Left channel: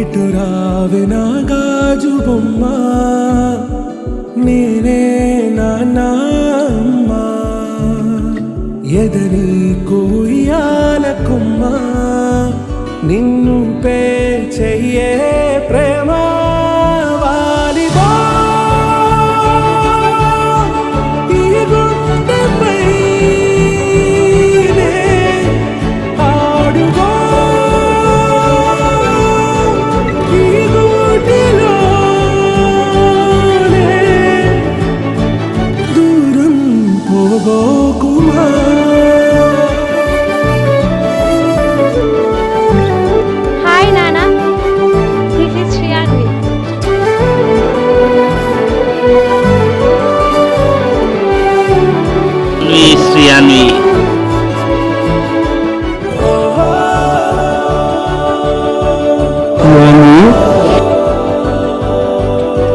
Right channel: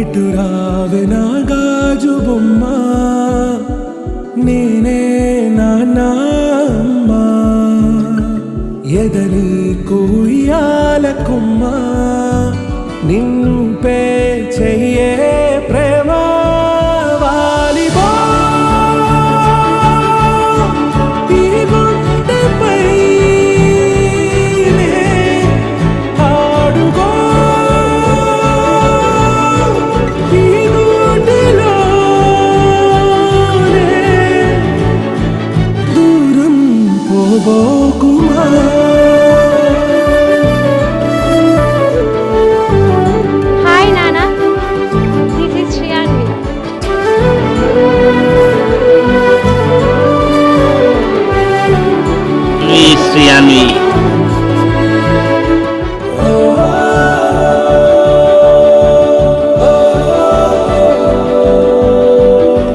ఇటు రావే నా గాజు బొమ్మ, నేనే నాన్న అమ్మ, ఎదని కూయాల కొమ్మ, నిన్ను పే చెయ్యే ప్రేమ వాలిబో ఈ గుండెపై నే ఆడుగో ఈ గుడిలోనే దూరం పోబోకుమా. Hi Nana, this is Shriyanvi. Shriyanvi.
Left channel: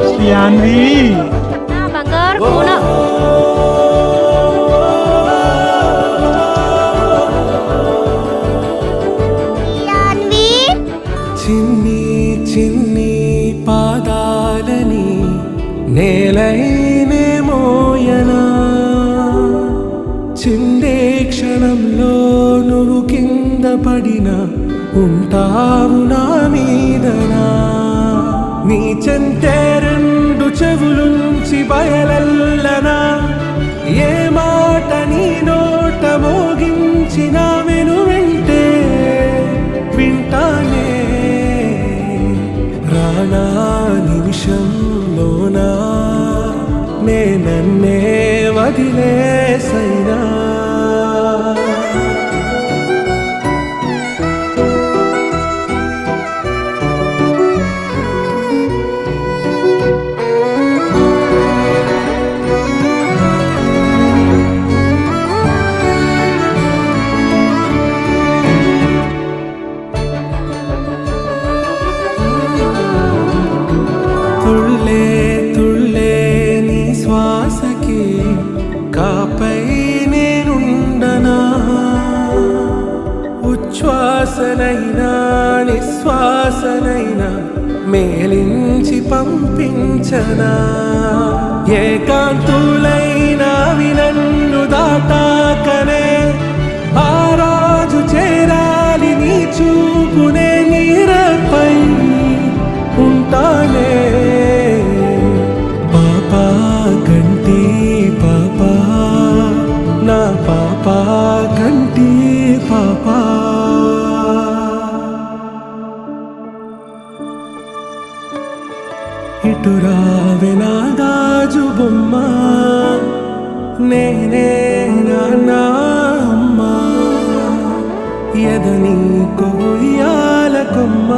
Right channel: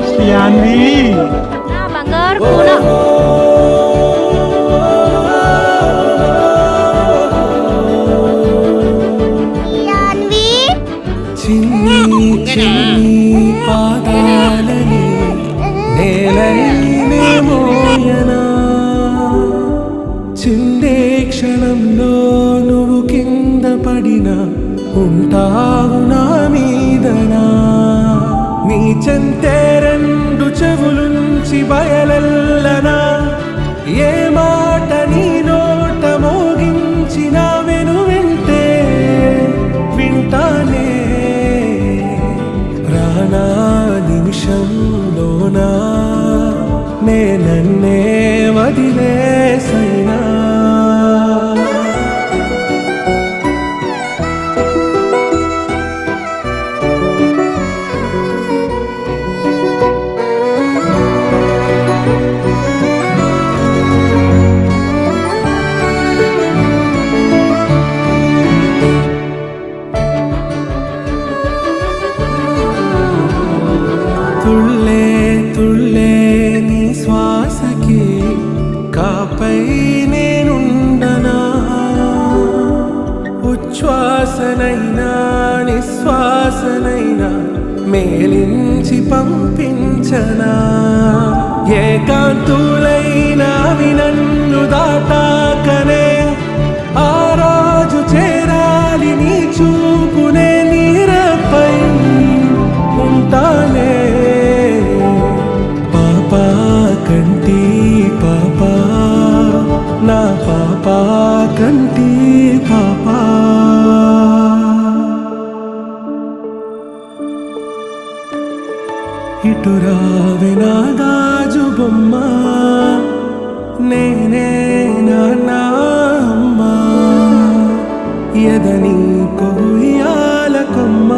Shriyanvi. నా బంగారు కూన. చిన్ని చిన్ని పాదాలని నేలైనే మోయనా, చిందే క్షణంలో నువ్వు కింద పడినా ఉంటావు నా మీదనా. నీ చెంతే రెండు చెవులుంచి బయలెల్లనా, ఏ మాట నీ నోట మోగించిన వెను వింటే వింటానే. రానా నిమిషంలోనా నే నన్నే వదిలేసైనా, తుళ్ళే తుళ్ళే నీ శ్వాసకి కాపై నేనుండనా, ఉచ్ఛ్వాసనైనా నిశ్వాసనైనా మేలించి పంపించనా. ఏకాంతులైనవి నన్ను దాటాకనే ఆ రాజు చేరాలి నీ చూపునే నీరపై ఉంటానే. పాపా కంటి పాపా నా పాపా కంటి పాపా. ఇటు రావే నా గాజు బొమ్మ, నేనే నాన్న అమ్మ, ఎదని కొయ్యాల కొమ్మ,